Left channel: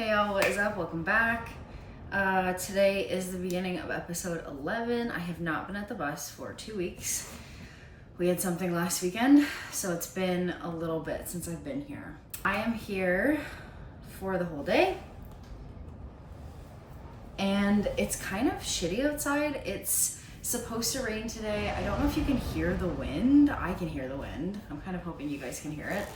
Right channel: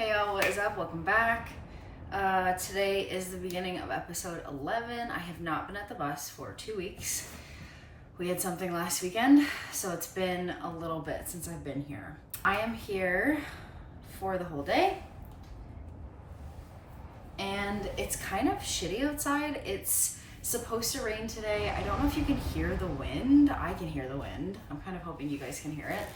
Hey y'all, what is up? Welcome back. Today is the beginning of episode 11. I have not been at the bus for 2 weeks. We had something last weekend, so it's been a little bit since I've been here. I am here for the whole day, and it's kind of shitty outside. It's supposed to rain today. I don't know if you can hear the wind. I can hear the wind. I'm kind of hoping you guys can hear it.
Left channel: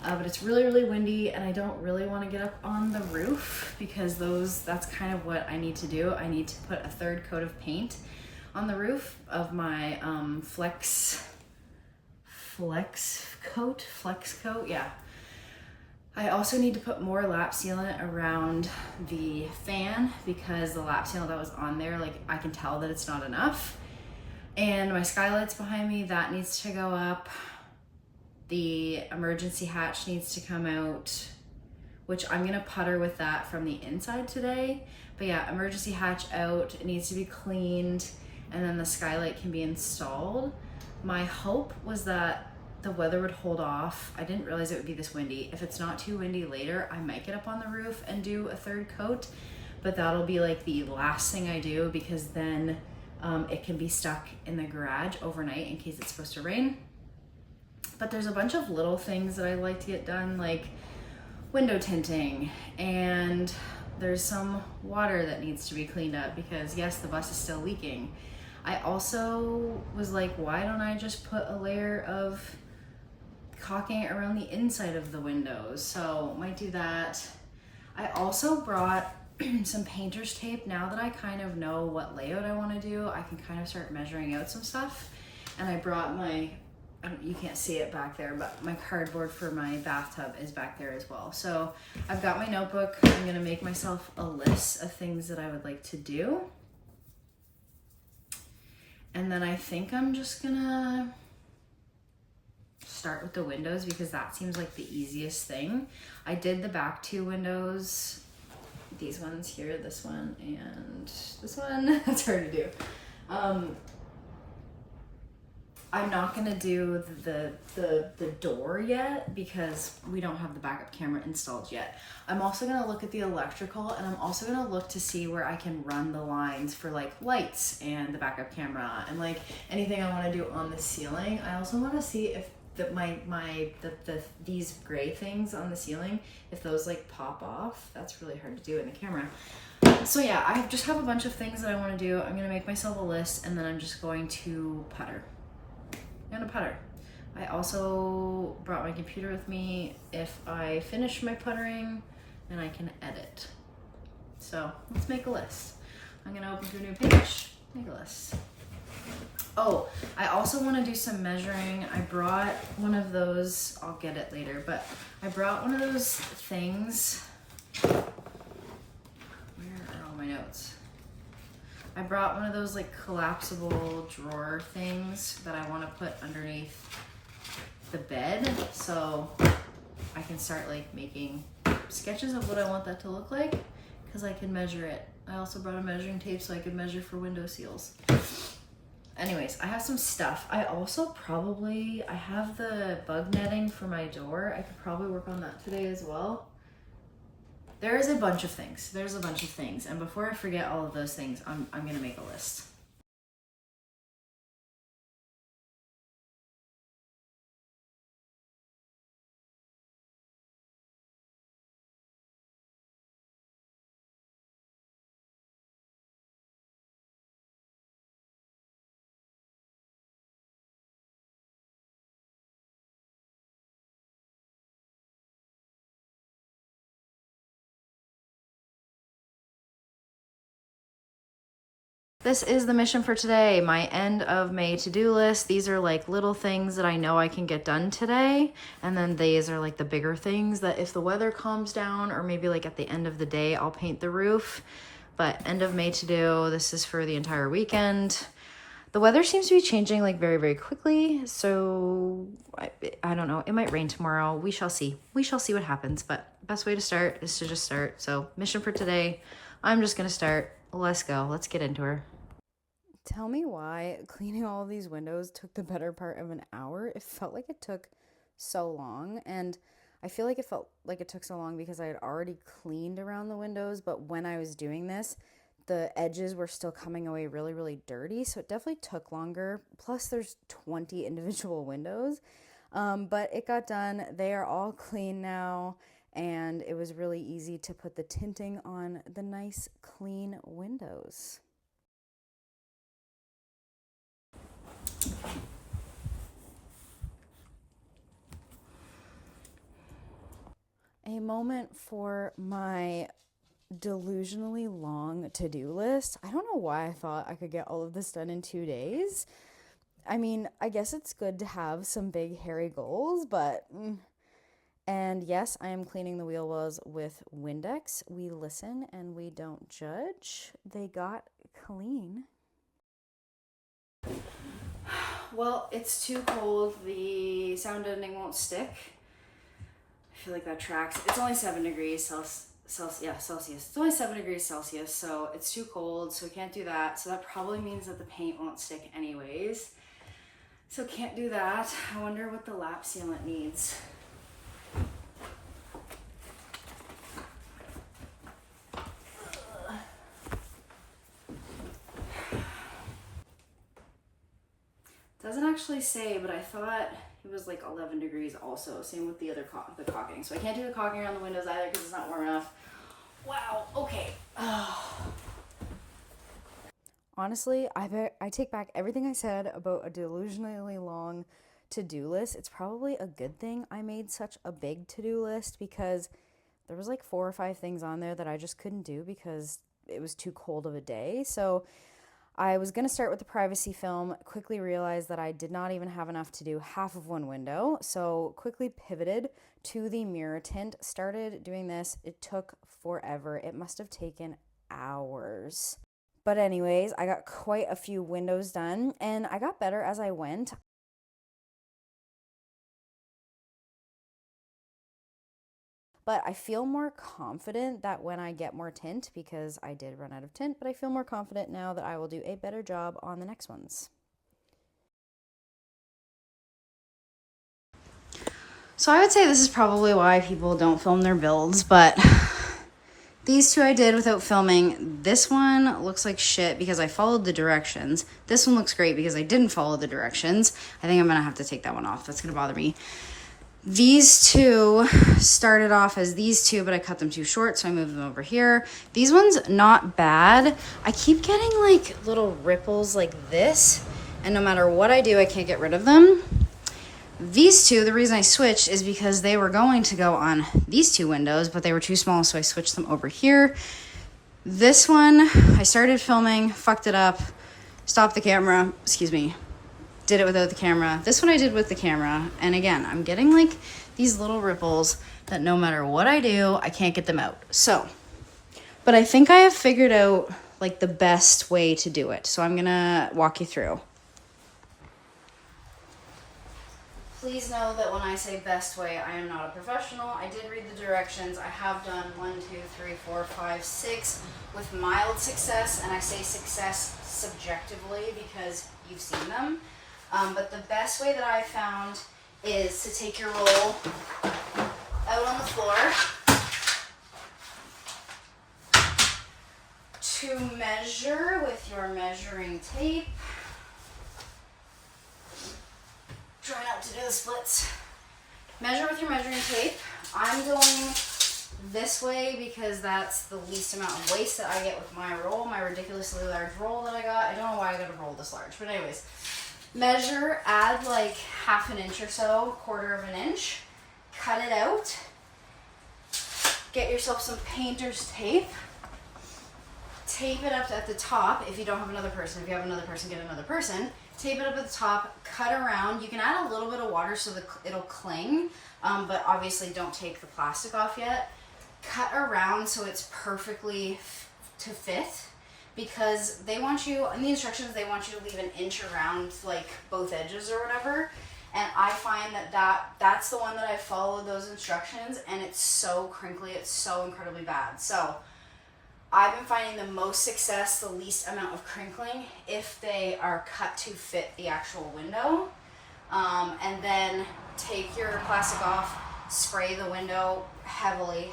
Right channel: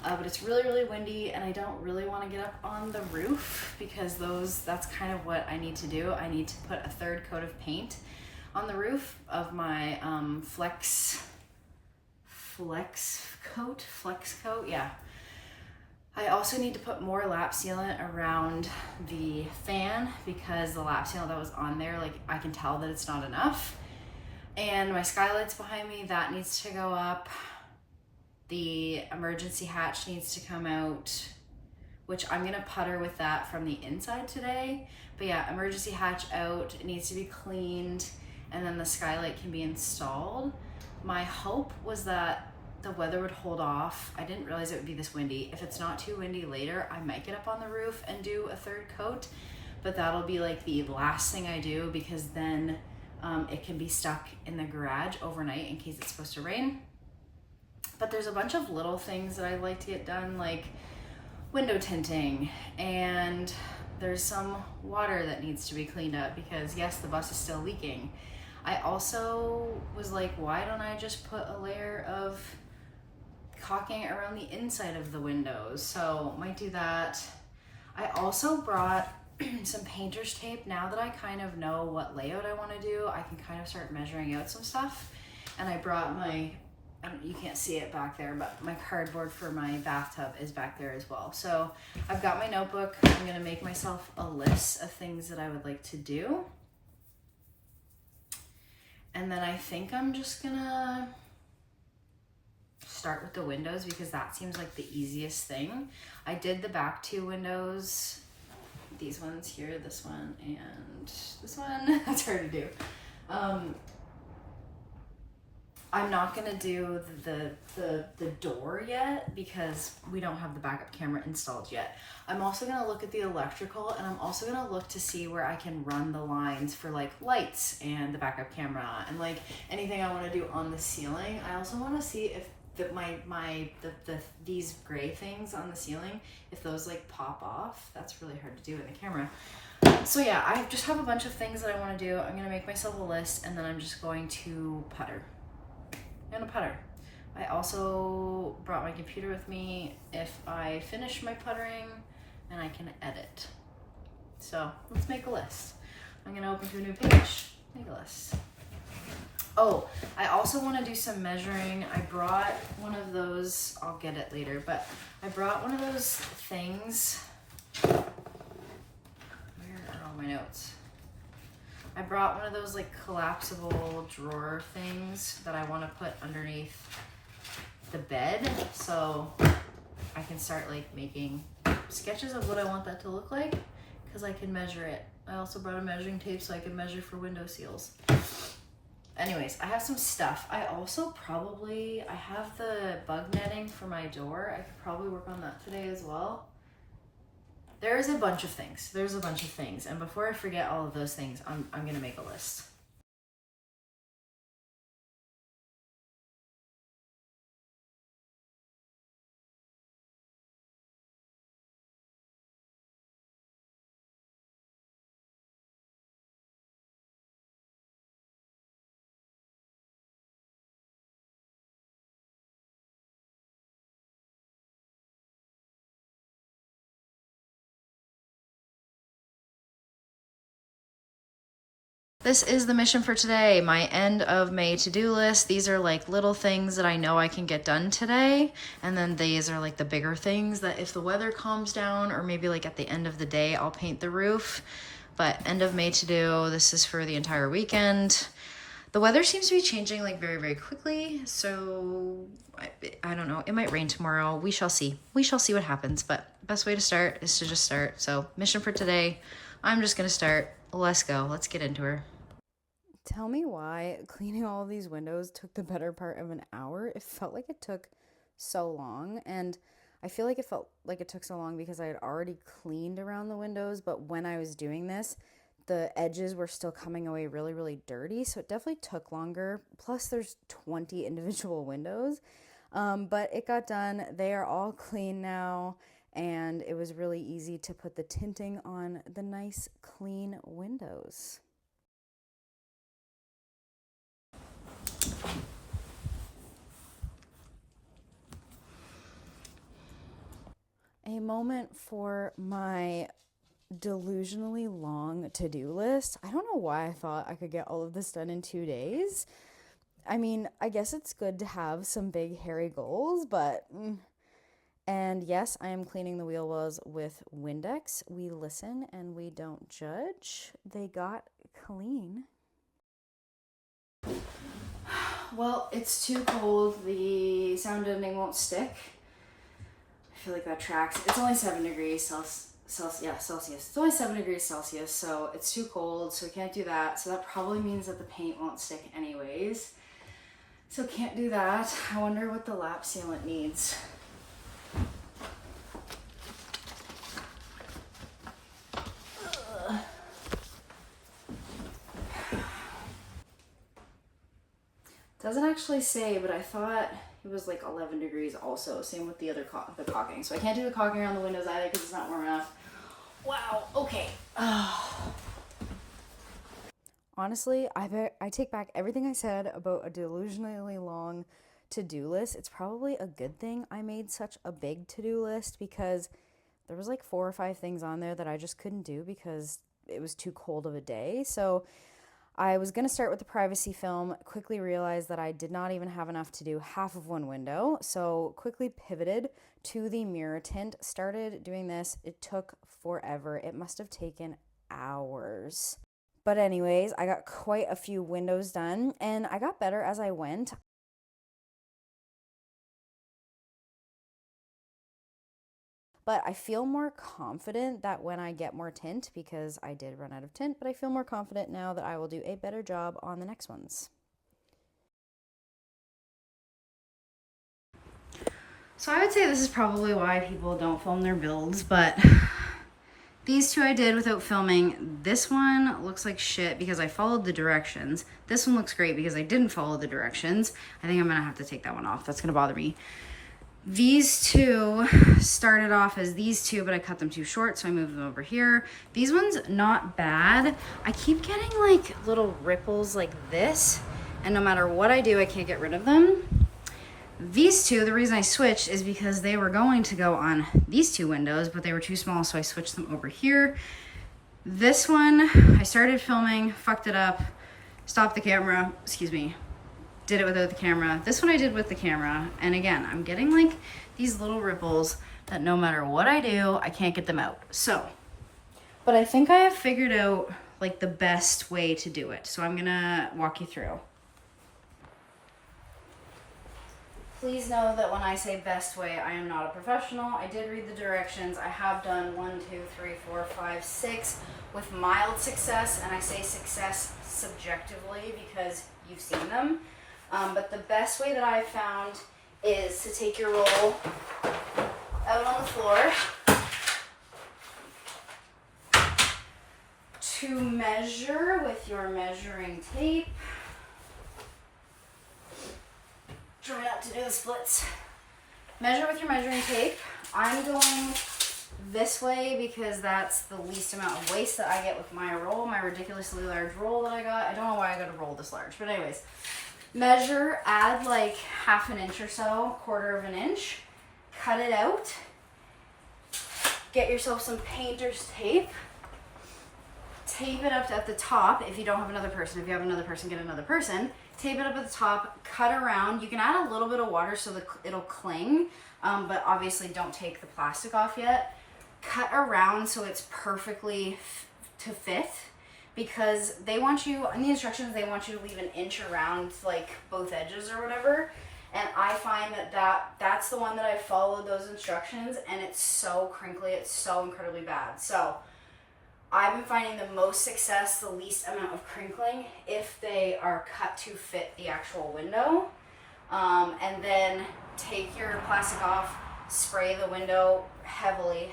But it's really, really windy, and I don't really want to get up on the roof because that's kind of what I need to do. I need to put a third coat of paint on the roof of my flex coat, yeah. I also need to put more lap sealant around the fan because the lap sealant that was on there, like I can tell that it's not enough. And my skylight's behind me, that needs to go up. The emergency hatch needs to come out, which I'm gonna putter with that from the inside today. But yeah, emergency hatch out, it needs to be cleaned, and then the skylight can be installed. My hope was that the weather would hold off. I didn't realize it would be this windy. If it's not too windy later, I might get up on the roof and do a third coat, but that'll be like the last thing I do because then it can be stuck in the garage overnight in case it's supposed to rain. But there's a bunch of little things that I like to get done, like window tinting, and there's some water that needs to be cleaned up because yes, the bus is still leaking. I also was like, why don't I just put a layer of caulking around the inside of the windows? So might do that. I also brought some painter's tape. Now that I kind of know what layout I want to do, I can kind of start measuring out some stuff. And I brought you can't see it back there, but my cardboard for my bathtub is back there as well. So I've got my notebook. I'm gonna make myself a list of things that I would like to do. And then I think I'm just gonna start with the windows because that seems like the easiest thing. I did the back two windows, these ones here, this one and this one. That's hard to do. I'm not gonna do the door yet because we don't have the backup camera installed yet. I'm also gonna look at the electrical, and I'm also gonna look to see where I can run the lines for like lights and the backup camera and like anything I wanna do on the ceiling. I also wanna see if these gray things on the ceiling, if those like pop off. That's really hard to do in the camera. So yeah, I just have a bunch of things that I wanna do. I'm gonna make myself a list, and then I'm just going to putter. I'm gonna putter. I also brought my computer with me if I finish my puttering, and I can edit. So let's make a list. I'm gonna open to a new page, make a list. Oh, I also wanna do some measuring. I brought one of those, I'll get it later, but I brought one of those things. Where are all my notes? I brought one of those like collapsible drawer things that I want to put underneath the bed so I can start like making sketches of what I want that to look like because I can measure it. I also brought a measuring tape so I could measure for window seals. Anyways, I have some stuff. I also I have the bug netting for my door. I could probably work on that today as well. There's a bunch of things. And before I forget all of those things, I'm gonna make a list. This is the mission for today, my end of May to-do list. These are like little things that I know I can get done today. And then these are like the bigger things that if the weather calms down or maybe like at the end of the day, I'll paint the roof. But end of May to do, this is for the entire weekend. The weather seems to be changing like very, very quickly. So I don't know, it might rain tomorrow. We shall see. We shall see what happens, but best way to start is to just start. So mission for today, I'm just gonna start. Let's go. Let's get into her. Tell me why cleaning all of these windows took the better part of an hour. It felt like it took so long. And I feel like it felt like it took so long because I had already cleaned around the windows, but when I was doing this, the edges were still coming away really, really dirty. So it definitely took longer. Plus, there's 20 individual windows. But it got done. They are all clean now. And it was really easy to put the tinting on the nice, clean windows. A moment for my delusionally long to-do list. I don't know why I thought I could get all of this done in 2 days. I mean, I guess it's good to have some big hairy goals, but and yes, I am cleaning the wheel wells with Windex. We listen and we don't judge. They got clean. Well, it's too cold. The sound editing won't stick. I feel like that tracks. It's only 7 degrees Celsius. It's only 7 degrees Celsius, so it's too cold, so we can't do that. So that probably means that the paint won't stick anyways. So can't do that. I wonder what the lap sealant needs. Doesn't actually say, but I thought it was like 11 degrees also. Same with the other the caulking. So I can't do the caulking around the windows either because it's not warm enough. Wow, okay. Honestly, I take back everything I said about a delusionally long to-do list. It's probably a good thing I made such a big to-do list because there was like 4 or 5 things on there that I just couldn't do because it was too cold of a day. So I was going to start with the privacy film, quickly realized that I did not even have enough to do half of one window, so quickly pivoted to the mirror tint, started doing this. It took forever. It must have taken hours. But anyways, I got quite a few windows done, and I got better as I went. But I feel more confident that when I get more tint, because I did run out of tint, but I feel more confident now that I will do a better job on the next ones. So I would say this is probably why people don't film their builds, but these two I did without filming. This one looks like shit because I followed the directions. This one looks great because I didn't follow the directions. I think I'm gonna have to take that one off. That's gonna bother me. These two started off as these two, but I cut them too short, so I moved them over here. These ones, not bad. I keep getting like little ripples like this, and no matter what I do, I can't get rid of them. These two, the reason I switched is because they were going to go on these two windows, but they were too small, so I switched them over here. This one, I started filming, fucked it up, stopped the camera, excuse me, did it without the camera. This one I did with the camera. And again, I'm getting like these little ripples that no matter what I do, I can't get them out. So, but I think I have figured out like the best way to do it. So I'm gonna walk you through. Please know that when I say best way, I am not a professional. I did read the directions. I have done 1, 2, 3, 4, 5, 6 with mild success. And I say success subjectively because you've seen them. But the best way that I've found is to take your roll out on the floor, to measure with your measuring tape. Try not to do the splits. Measure with your measuring tape. I'm going this way because that's the least amount of waste that I get with my roll, my ridiculously large roll that I got. I don't know why I got a roll this large, but anyways. Measure, add like 1/2 inch or so, 1/4 inch, cut it out, get yourself some painter's tape, tape it up at the top if you don't have another person. If you have another person, get another person. Tape it up at the top, cut around. You can add a little bit of water so that it'll cling, but obviously don't take the plastic off yet. Cut around so it's perfectly to fit. Because they want you, in the instructions, they want you to leave 1 inch around like both edges or whatever. And I find that's the one that I followed those instructions, and it's so crinkly, it's so incredibly bad. So I've been finding the most success, the least amount of crinkling, if they are cut to fit the actual window. And then take your plastic off, spray the window heavily.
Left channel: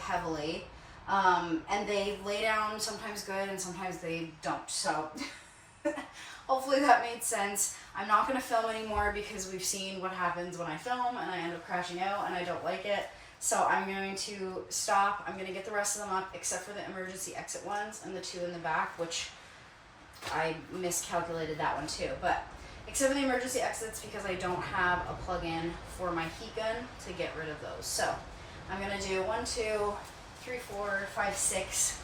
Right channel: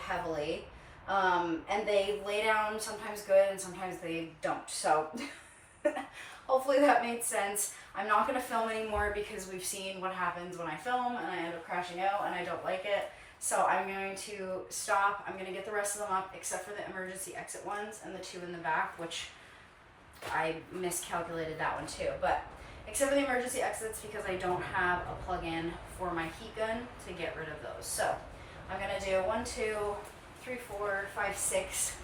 And they lay down sometimes good and sometimes they don't. So hopefully that made sense. I'm not going to film anymore because we've seen what happens when I film and I end up crashing out and I don't like it. So I'm going to stop. I'm going to get the rest of them up except for the emergency exit ones and the two in the back, which I miscalculated that one too. But except for the emergency exits because I don't have a plug-in for my heat gun to get rid of those. So I'm going to do 1, 2, 3, 4, 5, 6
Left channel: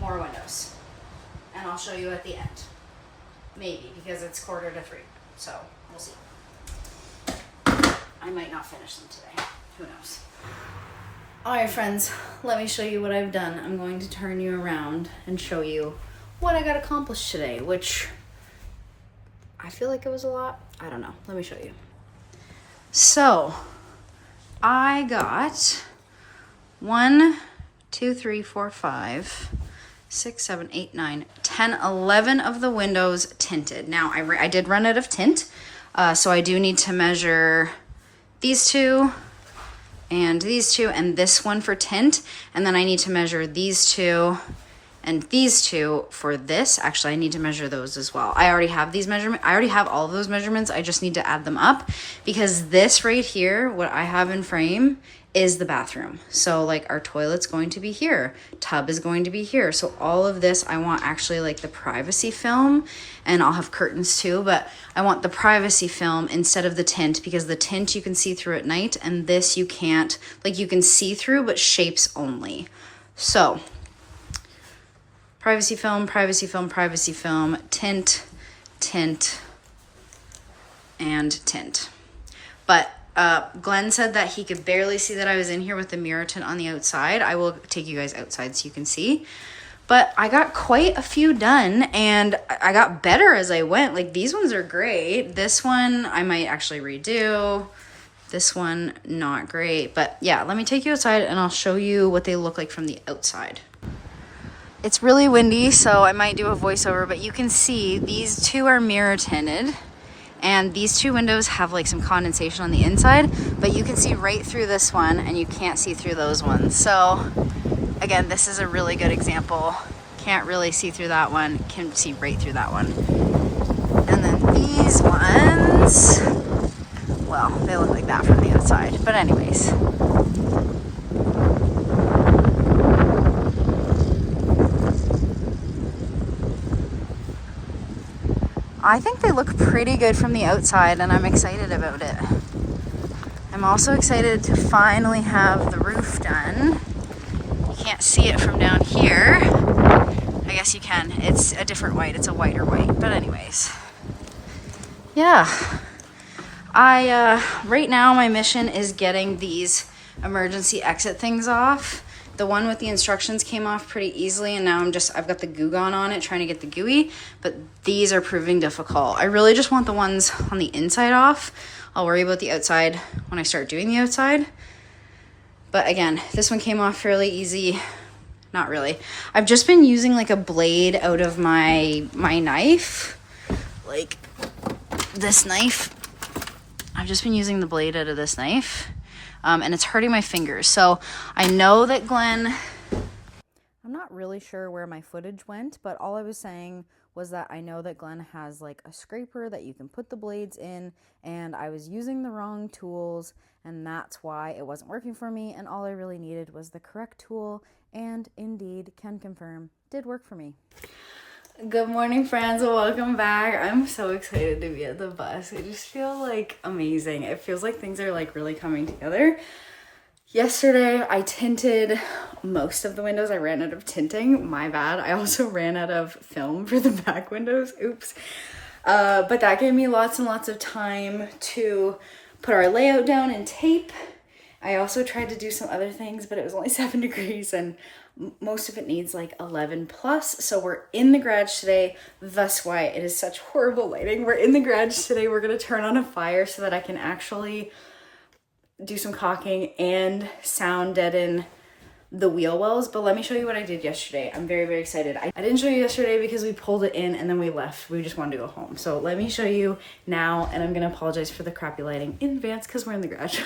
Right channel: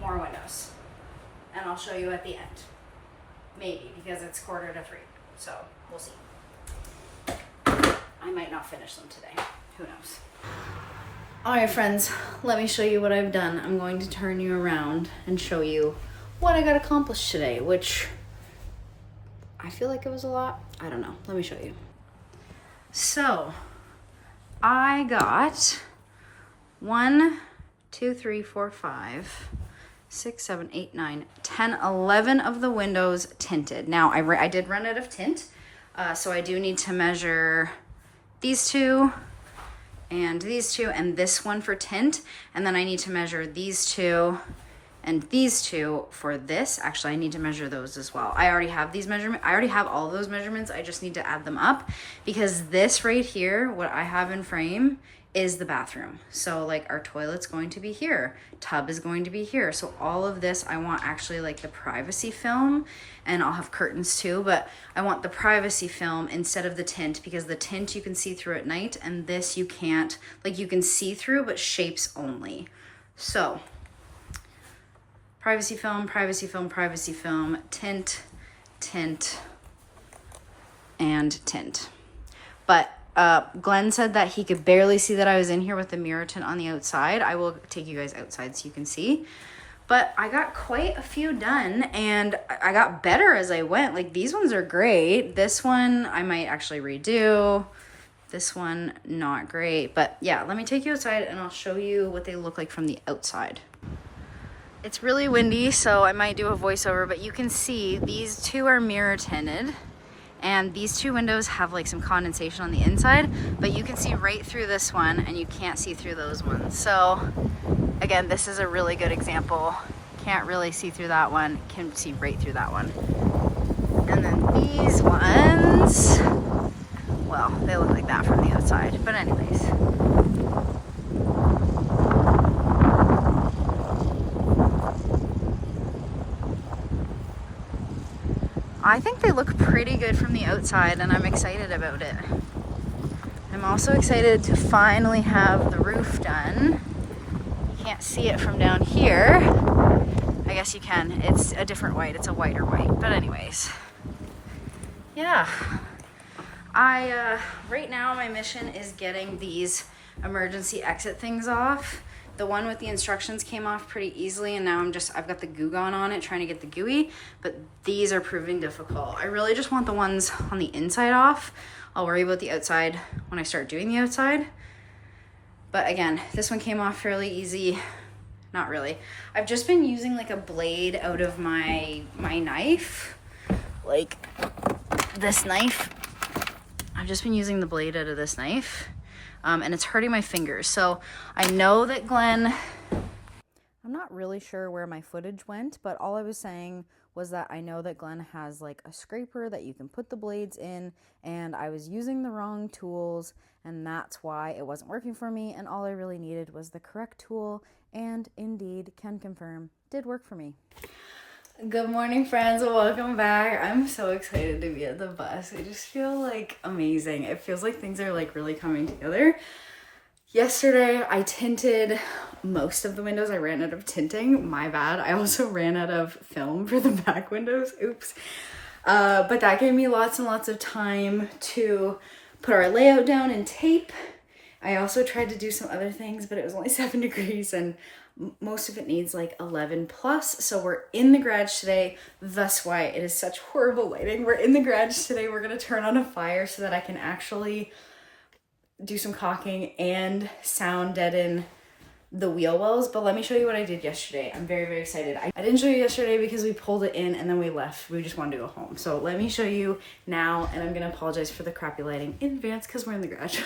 more windows. And I'll show you at the end. Maybe, because it's 2:45. So we'll see. I might not finish them today. Who knows? All right, friends, let me show you what I've done. I'm going to turn you around and show you what I got accomplished today, which I feel like it was a lot. I don't know. Let me show you. So I got 1, 2, 3, 4, 5, 6, 7, 8, 9, 10, 11 of the windows tinted. Now I did run out of tint, so I do need to measure these two and these two and this one for tint, and then I need to measure these two and these two for this. Actually, I need to measure those as well. I already have these measurements. I already have all of those measurements. I just need to add them up because this right here, what I have in frame, is the bathroom. So like our toilet's going to be here, tub is going to be here. So all of this, I want actually like the privacy film, and I'll have curtains too, but I want the privacy film instead of the tint because the tint you can see through at night and this you can't, like you can see through, but shapes only. So privacy film, privacy film, privacy film, tint, tint, and tint. But Glenn said that he could barely see that I was in here with the mirror tint on the outside. I will take you guys outside so you can see. But I got quite a few done and I got better as I went. Like these ones are great. This one I might actually redo. This one, not great. But yeah, let me take you outside and I'll show you what they look like from the outside. It's really windy, so I might do a voiceover, but you can see these two are mirror tinted. And these two windows have like some condensation on the inside, but you can see right through this one and you can't see through those ones. So again, this is a really good example. Can't really see through that one, can see right through that one. And then these ones, well, they look like that from the outside. But anyways. I think they look pretty good from the outside and I'm excited about it. I'm also excited to finally have the roof done. You can't see it from down here. I guess you can. It's a different white. It's a whiter white. But anyways, yeah. Right now my mission is getting these emergency exit things off. The one with the instructions came off pretty easily and now I've got the goo gone on it trying to get the gooey, but these are proving difficult. I really just want the ones on the inside off. I'll worry about the outside when I start doing the outside. But again, this one came off fairly easy. Not really. I've just been using like a blade out of my knife, like this knife. I've just been using the blade out of this knife. And it's hurting my fingers. So I know that Glenn, I'm not really sure where my footage went, but all I was saying was that I know that Glenn has like a scraper that you can put the blades in, and I was using the wrong tools, and that's why it wasn't working for me, and all I really needed was the correct tool, and indeed, can confirm, did work for me. Good morning, friends. Welcome back. I'm so excited to be at the bus. I just feel like amazing. It feels like things are like really coming together. Yesterday, I tinted most of the windows. I ran out of tinting. My bad. I also ran out of film for the back windows. Oops. But that gave me lots and lots of time to put our layout down and tape. I also tried to do some other things, but it was only 7 degrees and most of it needs like 11 plus. So we're in the garage today. Thus why it is such horrible lighting. We're in the garage today. We're going to turn on a fire so that I can actually do some caulking and sound deaden the wheel wells. But let me show you what I did yesterday. I'm very, very excited. I didn't show you yesterday because we pulled it in and then we left. We just wanted to go home. So let me show you now, and I'm going to apologize for the crappy lighting in advance because we're in the garage.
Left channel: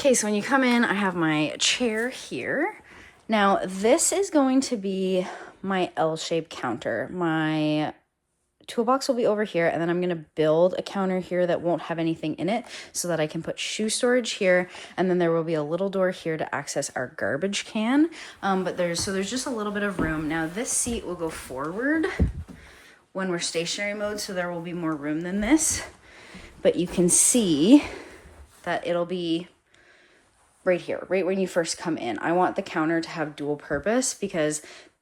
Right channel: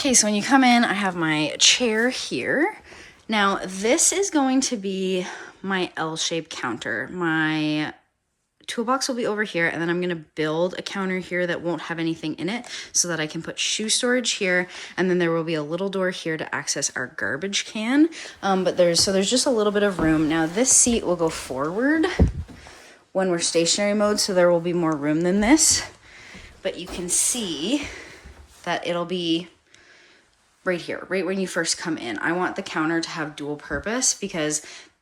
Okay, so when you come in, I have my chair here. Now, this is going to be my L-shaped counter. My toolbox will be over here, and then I'm gonna build a counter here that won't have anything in it so that I can put shoe storage here, and then there will be a little door here to access our garbage can. But there's just a little bit of room. Now, this seat will go forward when we're stationary mode, so there will be more room than this. But you can see that it'll be right here, right when you first come in. I want the counter to have dual purpose because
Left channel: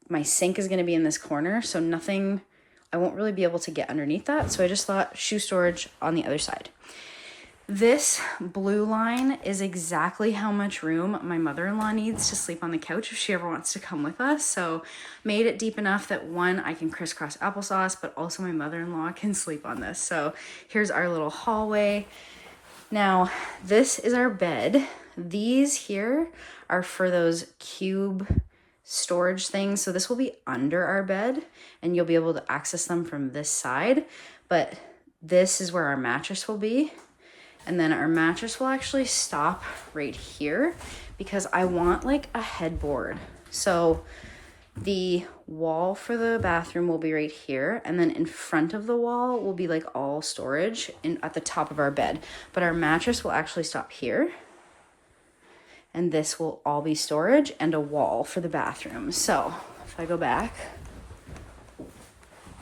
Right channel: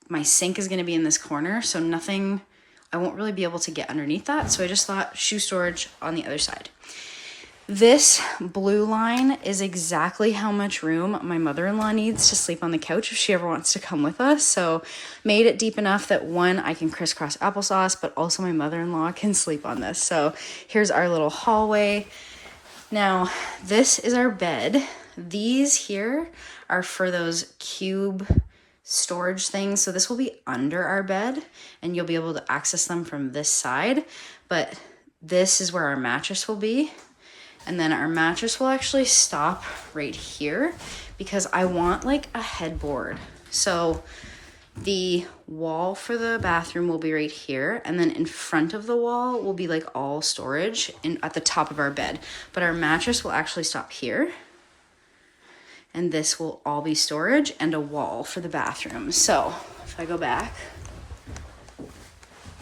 my sink is going to be in this corner, so I won't really be able to get underneath that. So I just thought shoe storage on the other side. This blue line is exactly how much room my mother-in-law needs to sleep on the couch if she ever wants to come with us. So made it deep enough that one, I can crisscross applesauce, but also my mother-in-law can sleep on this. So here's our little hallway. Now, this is our bed. These here are for those cube storage things. So this will be under our bed and you'll be able to access them from this side. But this is where our mattress will be. And then our mattress will actually stop right here because I want like a headboard. So the wall for the bathroom will be right here, and then in front of the wall will be like all storage at the top of our bed. But our mattress will actually stop here. And this will all be storage and a wall for the bathroom. So if I go back,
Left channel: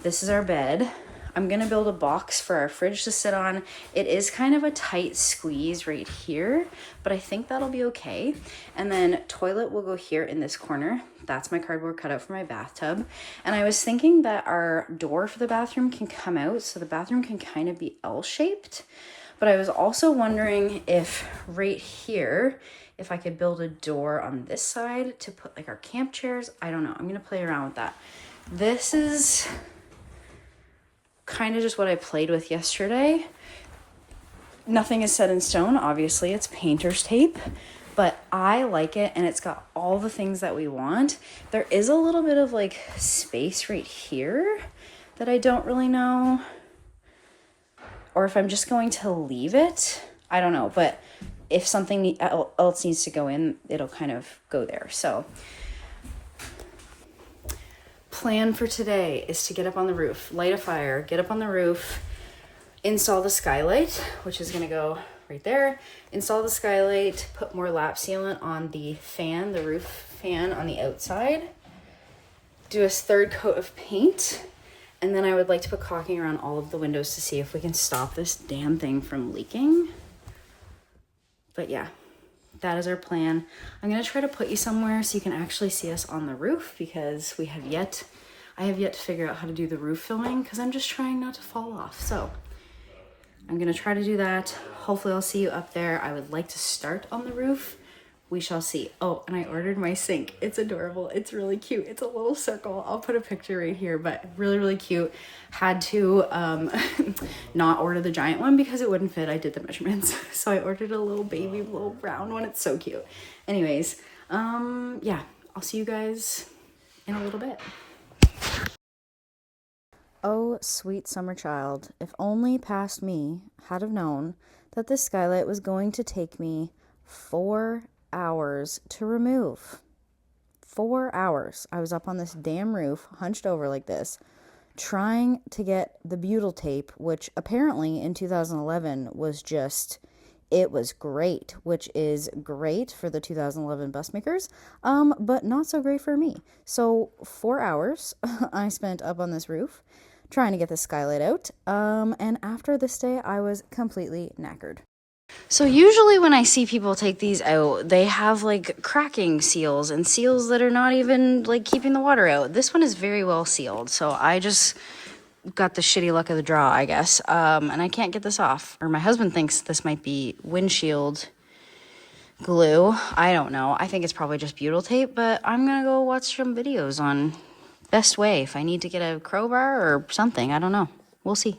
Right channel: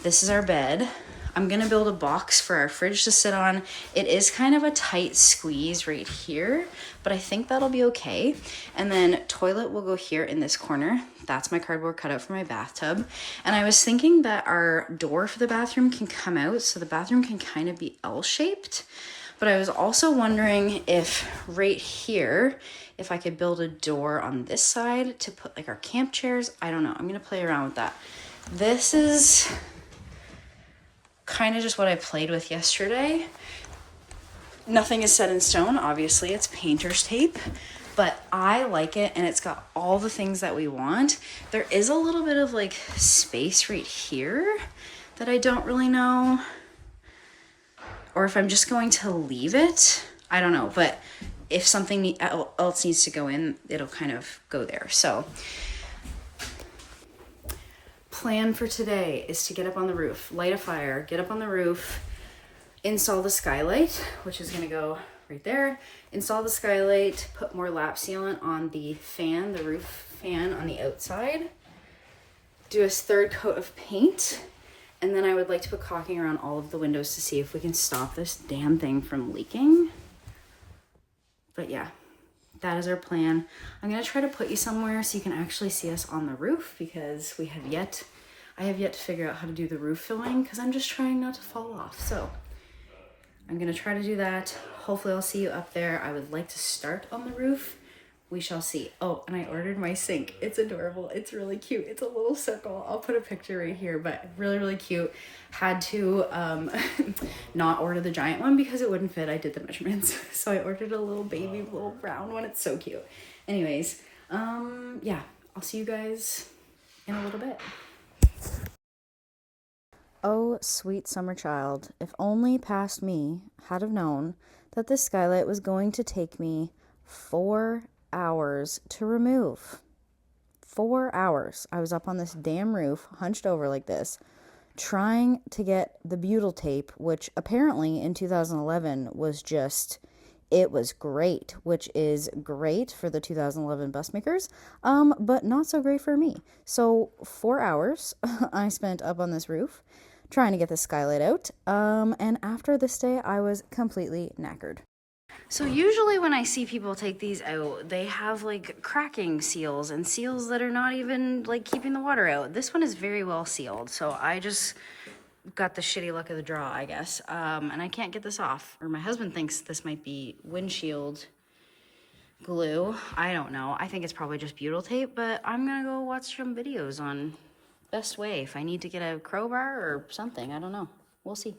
this is our bed. I'm gonna build a box for our fridge to sit on. It is kind of a tight squeeze right here, but I think that'll be okay. And then toilet will go here in this corner. That's my cardboard cutout for my bathtub. And I was thinking that our door for the bathroom can come out so the bathroom can kind of be L-shaped. But I was also wondering if right here, if I could build a door on this side to put like our camp chairs. I don't know. I'm going to play around with that. This is kind of just what I played with yesterday. Nothing is set in stone. Obviously, it's painter's tape, but I like it and it's got all the things that we want. There is a little bit of like space right here that I don't really know, or if I'm just going to leave it. I don't know, but if something else needs to go in, it'll kind of go there. So plan for today is to get up on the roof, light a fire, get up on the roof, install the skylight, which is gonna go right there, install the skylight, put more lap sealant on the fan, the roof fan on the outside, do a third coat of paint, and then I would like to put caulking around all of the windows to see if we can stop this damn thing from leaking. But yeah, that is our plan. I'm gonna try to put you somewhere so you can actually see us on the roof because I have yet to figure out how to do the roof filming because I'm just trying not to fall off. So I'm gonna try to do that. Hopefully I'll see you up there. I would like to start on the roof. We shall see. Oh, and I ordered my sink. It's adorable. It's really cute. It's a little circle. I'll put a picture right here, but really, really cute. Had to not order the giant one because it wouldn't fit. I did the measurements. So I ordered a little baby, little brown one. It's so cute. Anyways, yeah, I'll see you guys in a little bit. Oh, sweet summer child, if only past me had have known that this skylight was going to take me 4 hours to remove. 4 hours. I was up on this damn roof, hunched over like this, trying to get the butyl tape, which apparently in 2011 was just, it was great, which is great for the 2011 bus makers, but not so great for me. So 4 hours I spent up on this roof trying to get the skylight out, and after this day I was completely knackered. So usually when I see people take these out, they have like cracking seals and seals that are not even like keeping the water out. This one is very well sealed, so I just got the shitty luck of the draw, I guess. And I can't get this off. Or my husband thinks this might be windshield glue. I don't know. I think it's probably just butyl tape, but I'm gonna go watch some videos on best way if I need to get a crowbar or something. I don't know. We'll see.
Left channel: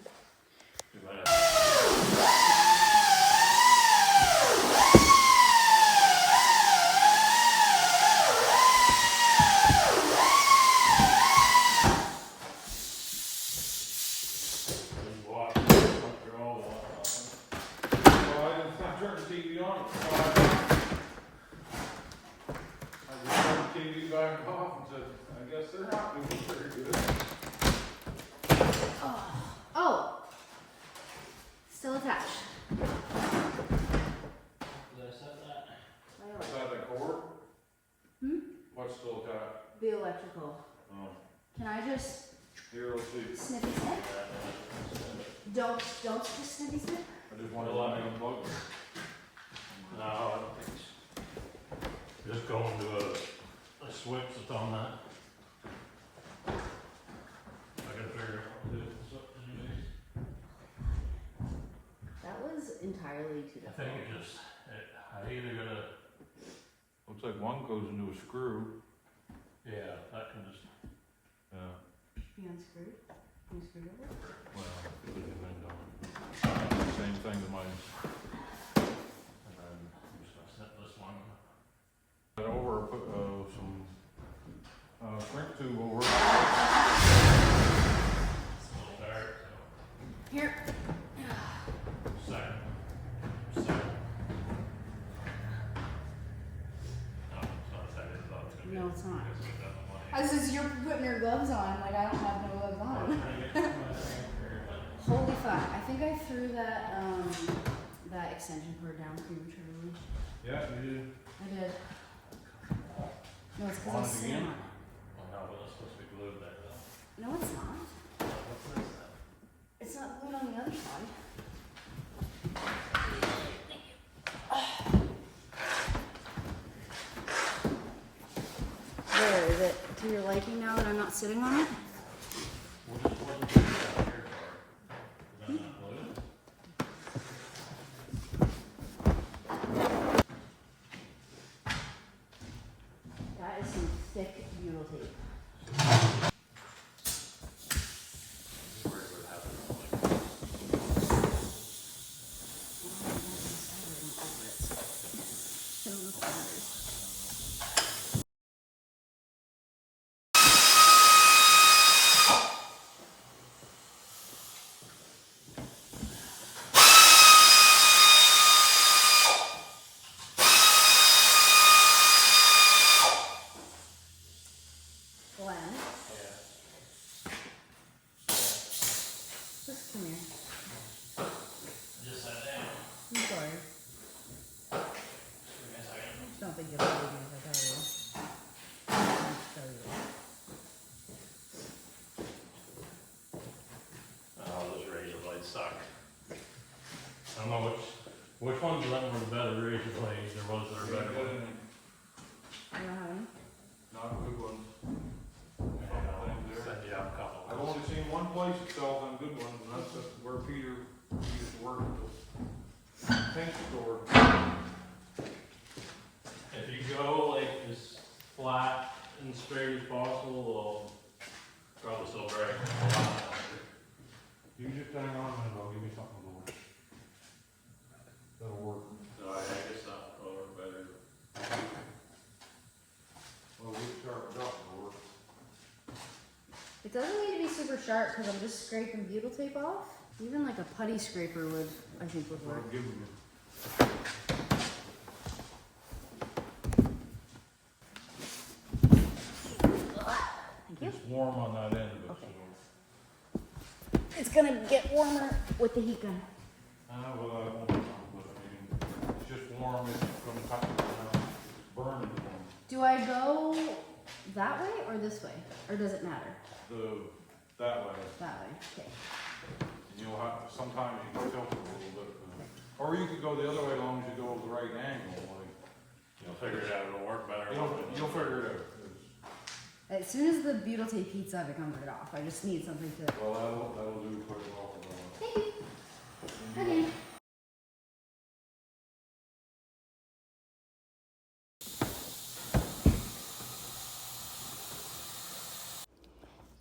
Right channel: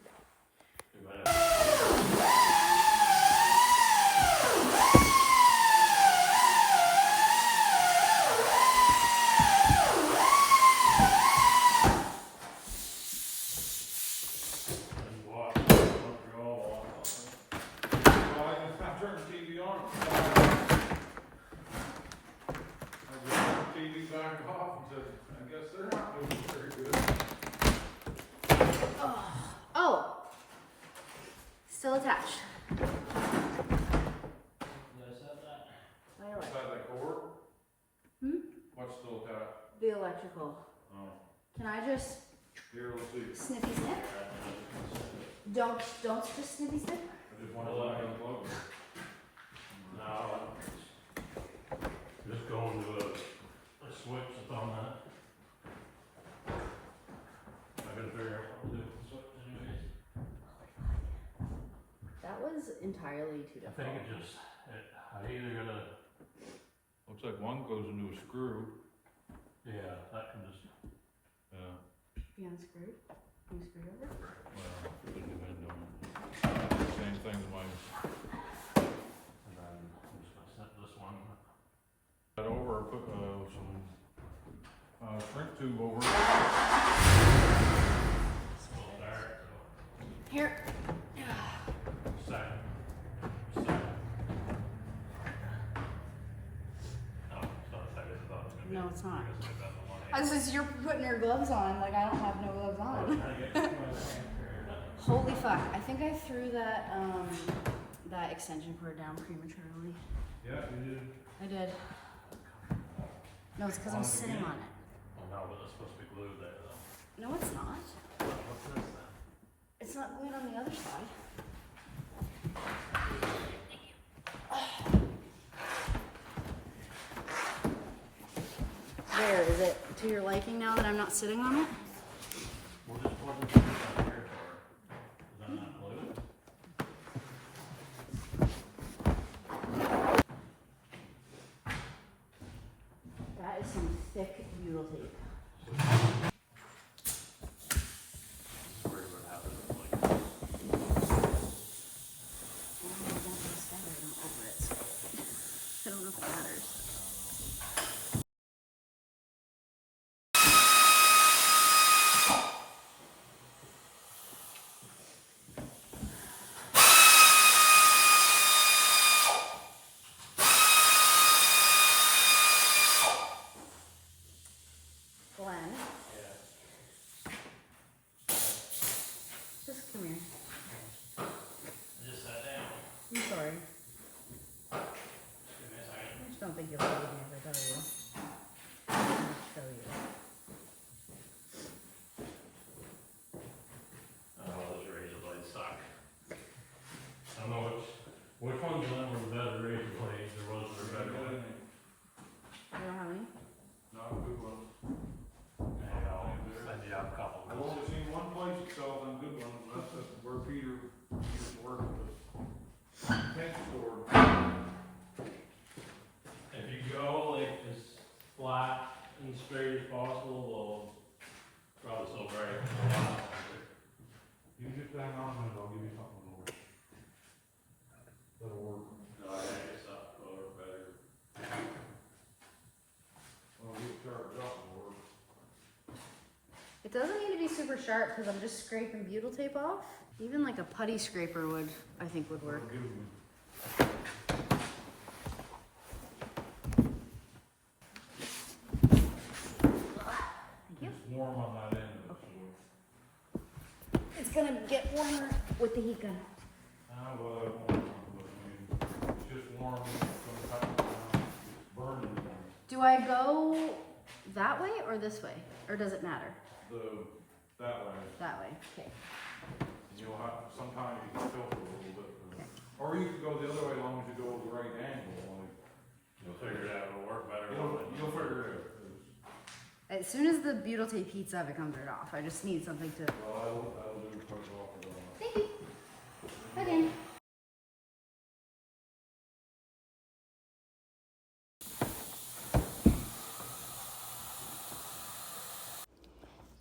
What's still got? The electrical. Oh. Can I just Here, let's see. snippy snip? Don't just snippy snip? I just want to let me unplug it. No. Just going to a switch that's on that. I gotta figure out what to do with the switch anyways. That was entirely too I difficult. think it just, I either gotta, Looks like one goes into a screw. yeah, that can just, Be unscrewed? Unscrewed over? Well, it would depend on it. Same thing as mine. and then I'm just gonna snip this one. Put over, put some shrink tube over it. It's a little dark, Here. so. Second. No, it's not as tight as I thought it was gonna be. No, it's not. I guess get that in one I was just, you're putting your gloves on, like I don't have no gloves hand. on. Trying to get my finger, but- Holy fuck, I think I threw that, that extension cord down prematurely. Yeah, we did. I did. No, it's because I'm sitting on it. Oh no, but it's supposed to be glued there though. No, it's not. What's this then? It's not glued on the other side. There, is it to your liking now that I'm not sitting on it? What is this down here for? Is that not blue? That is some thick butyl tape. Where would it happen? Like, I don't know if it matters. Glenn, just come here. I just sat down. I'm sorry. Just give me a second. I just don't think you'll believe me if I tell you. I'll show you. Oh, those razor blades suck. I don't know which ones of them were the better razor blades, or was there a better one? You don't have any? Not a good one. And I'll send you out a couple. I've only seen one place that sells them good ones, and that's just where Peter used to work at the paint store. If you go like as flat and straight as possible, they'll probably still break. You just hang on and I'll give you something more. That'll work. No, I think it's not over better. Well, we sharpened up, it'll work. It doesn't need to be super sharp because I'm just scraping butyl tape off. Even like a putty scraper would, I think, would work. I'll give them. Thank you. It's warm on that end of it, so. It's gonna get warmer with the heat gun. Well, I won't, but I mean, it's just warm, it's gonna cut it down, it's burning. Do I go that way or this way? Or does it matter? That way, That way, okay. you'll have, sometimes you can tilt it a little bit. Or you could go the other way as long as you go at the right angle, like. You'll figure it out, it'll work better. You'll figure it out. As soon as the butyl tape heats up, it comes right off. I just need something to... Well, that'll do put it off of the. Thank you. Okay.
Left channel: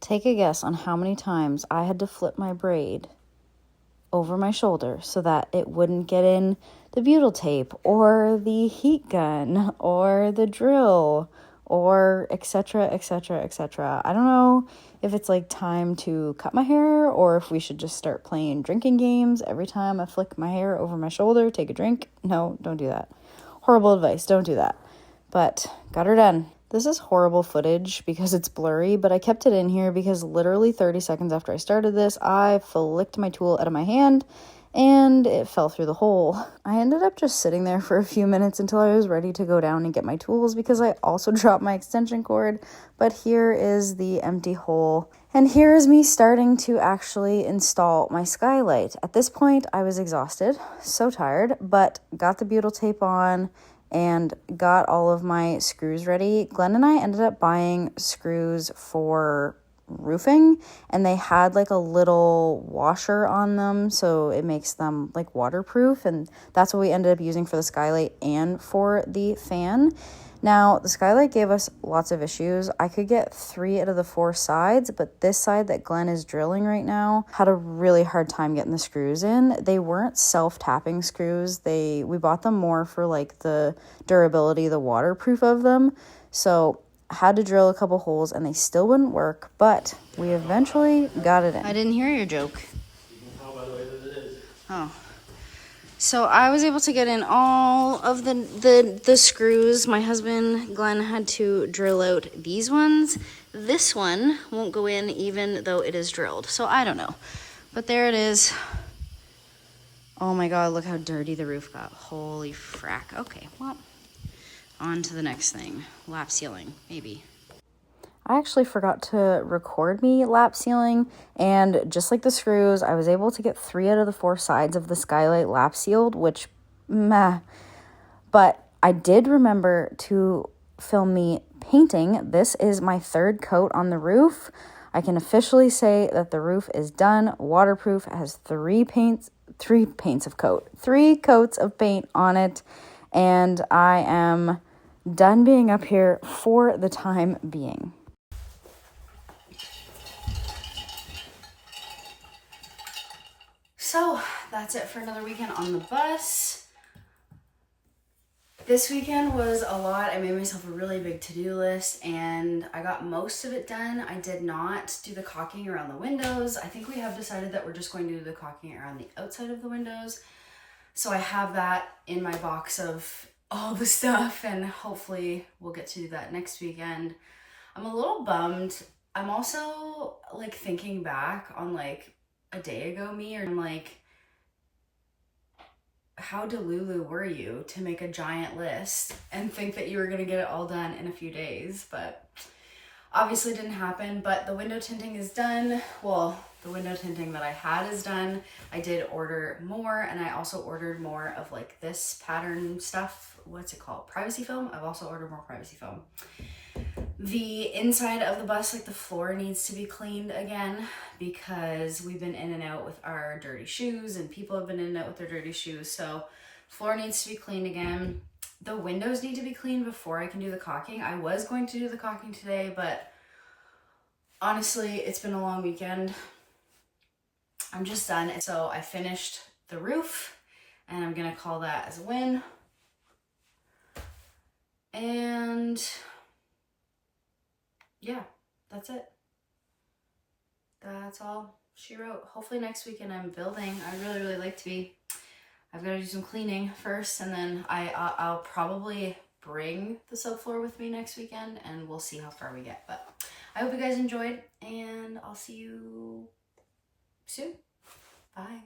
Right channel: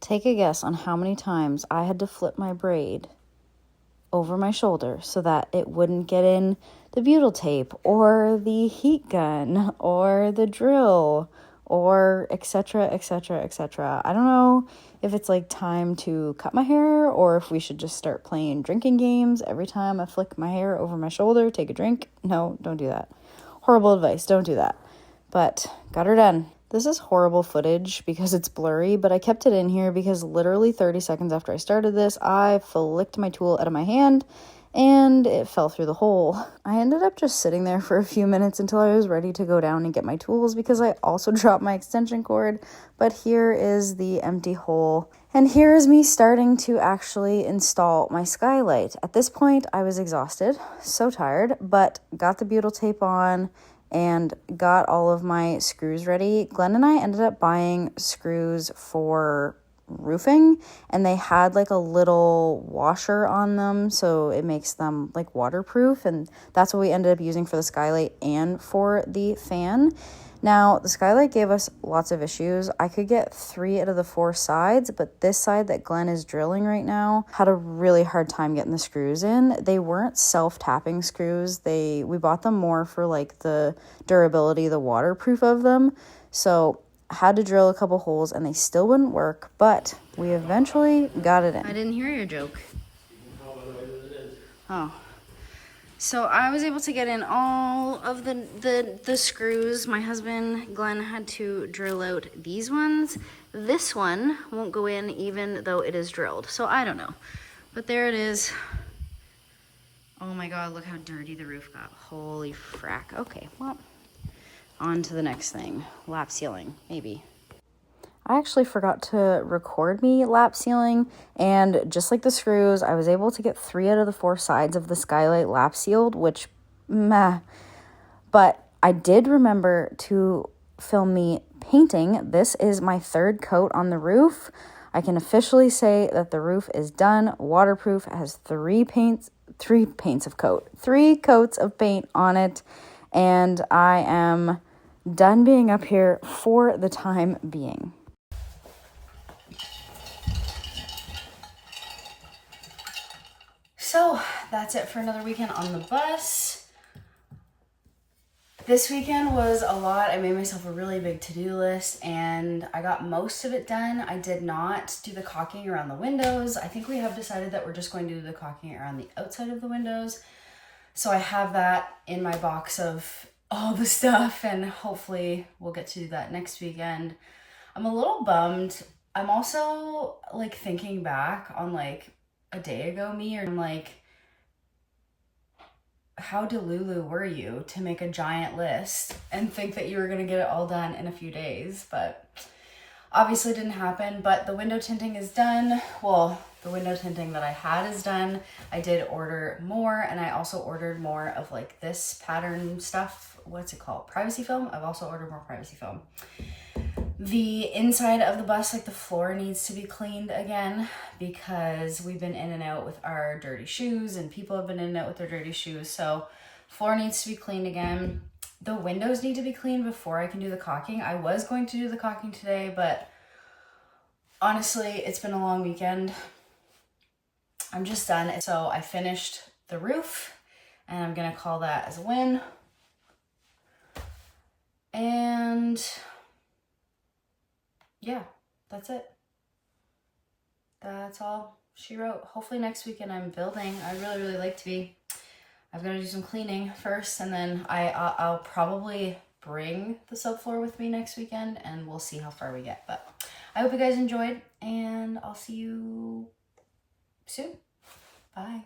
Take a guess on how many times I had to flip my braid over my shoulder so that it wouldn't get in the butyl tape or the heat gun or the drill or etc, etc, etc. I don't know if it's like time to cut my hair or if we should just start playing drinking games every time I flick my hair over my shoulder, take a drink. No, don't do that. Horrible advice, don't do that. But got her done. This is horrible footage because it's blurry, but I kept it in here because literally 30 seconds after I started this, I flicked my tool out of my hand and it fell through the hole. I ended up just sitting there for a few minutes until I was ready to go down and get my tools because I also dropped my extension cord. But here is the empty hole. And here is me starting to actually install my skylight. At this point, I was exhausted, so tired, but got the butyl tape on and got all of my screws ready. Glenn and I ended up buying screws for roofing, and they had like a little washer on them, so it makes them like waterproof, and that's what we ended up using for the skylight and for the fan. Now, the skylight gave us lots of issues. I could get 3 out of the 4 sides, but this side that Glenn is drilling right now had a really hard time getting the screws in. They weren't self-tapping screws. We bought them more for like the durability, the waterproof of them. So had to drill a couple holes and they still wouldn't work, but we eventually got it in. I didn't hear your joke. Oh. So I was able to get in all of the screws. My husband, Glenn, had to drill out these ones. This one won't go in even though it is drilled. So I don't know. But there it is. Oh my God, look how dirty the roof got. Holy frack. Okay, well, on to the next thing. Lap sealing, maybe. I actually forgot to record me lap sealing, and just like the screws, I was able to get 3 out of the 4 sides of the skylight lap sealed, which, meh. But I did remember to film me painting. This is my 3rd coat on the roof. I can officially say that the roof is done, waterproof, it has 3 coats of paint on it, and I am done being up here for the time being. So that's it for another weekend on the bus. This weekend was a lot. I made myself a really big to-do list and I got most of it done. I did not do the caulking around the windows. I think we have decided that we're just going to do the caulking around the outside of the windows. So I have that in my box of all the stuff and hopefully we'll get to do that next weekend. I'm a little bummed. I'm also like thinking back on like a day ago me, or like, how delulu were you to make a giant list and think that you were going to get it all done in a few days? But obviously didn't happen. But the window tinting is done. Well, the window tinting that I had is done. I did order more, and I also ordered more of like this pattern stuff. What's it called? Privacy foam. I've also ordered more privacy foam. The inside of the bus, like the floor, needs to be cleaned again because we've been in and out with our dirty shoes and people have been in and out with their dirty shoes. So floor needs to be cleaned again. The windows need to be cleaned before I can do the caulking. I was going to do the caulking today, but honestly, it's been a long weekend. I'm just done. So I finished the roof and I'm going to call that as a win. And yeah, that's it. That's all she wrote. Hopefully next weekend I'm building. I'd really like to be. I've got to do some cleaning first, and then I'll probably bring the subfloor with me next weekend, and we'll see how far we get. But I hope you guys enjoyed, and I'll see you soon. Bye.